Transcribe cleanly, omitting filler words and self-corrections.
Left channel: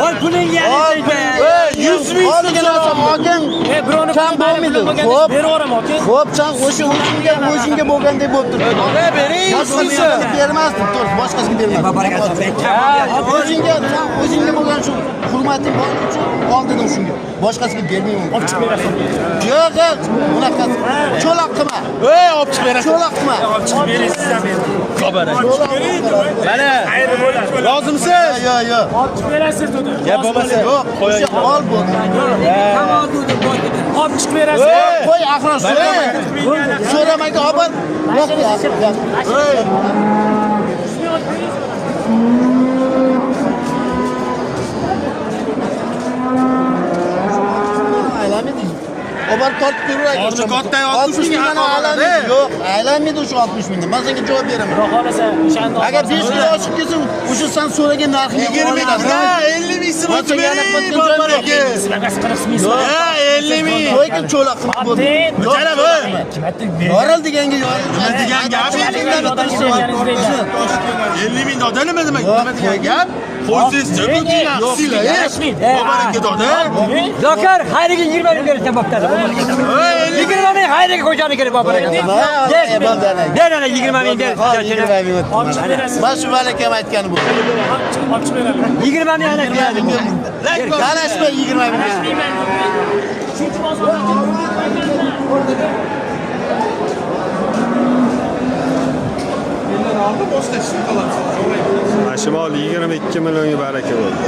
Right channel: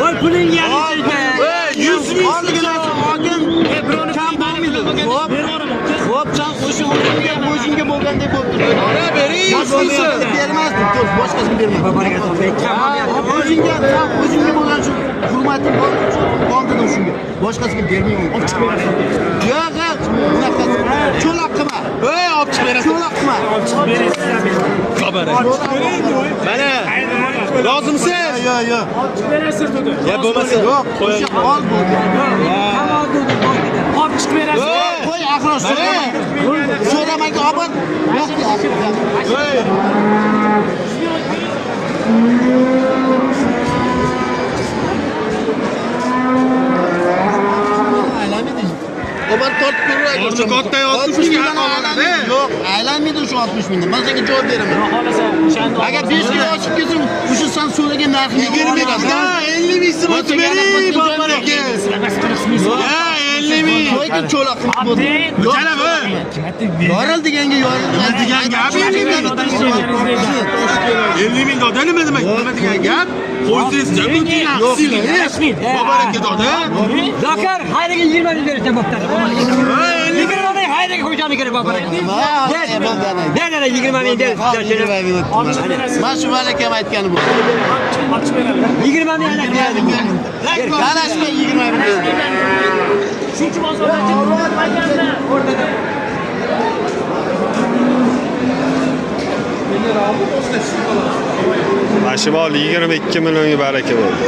Voy pulingni Ey, 100 ming olgan hokim kam bo'lmaydi. Xo'p, chan o'shunga bo'lgandek bo'lib turibdi. Boshqasiga bermasdim, to'g'ri, boshqasiga bermasdim. O'zingga bo'lgan shu hurmating bor uchun oldim shunga. Boshqasiga bermayman. Olib chiqib berasan. Yo'q, bunaqasi. Cho'loq qilma. Ey, olib chiqib berasan. Cho'loq qilma. Olib chiqib berasiz. Xabar. Mana. Rozimisiz? Yo'q. Olib chiqib berasiz dedi. Ya bo'lmasa, qo'y. Ol bo'ldi. Olib chiqib berasiz. Qo'y, axir so'ramaydi, obar. Yo'q. Obar tortib ko'raylik. Orni katta 60 mingdan aylanmaydi. Yo'q, aylanmaydi o'sha 60 mingdan. Men senga javob beraman. Xohlasa o'shanda. Agar 5 kilo oshib ketsa, o'sha sen so'ragan narxni 20 ming. 50 ming sirot bering, bor aka. Ha, 50 ming. Qo'ykin cho'loq qilib bo'ldi. Jalab, kim aytdi? Yoral deganga yorilmaydi degan gap. 50 ming odam nima demak? Nima degan gap? Qo'ysiz jannatga yaxshimi? Bobaringga doda. Zakar, xayriga 20 ming berishdan bo'ptadi. 20 ming xayriga qo'yishani kerak bobaringga. Ben ana 20 ming der. Mana shu malakam aytgani bu. 20 ming ana beradi. Qarashma 20 ming. Shuncha bozorda aytganda o'rtada. Mashimol 22 millionga baraka bo'ldi.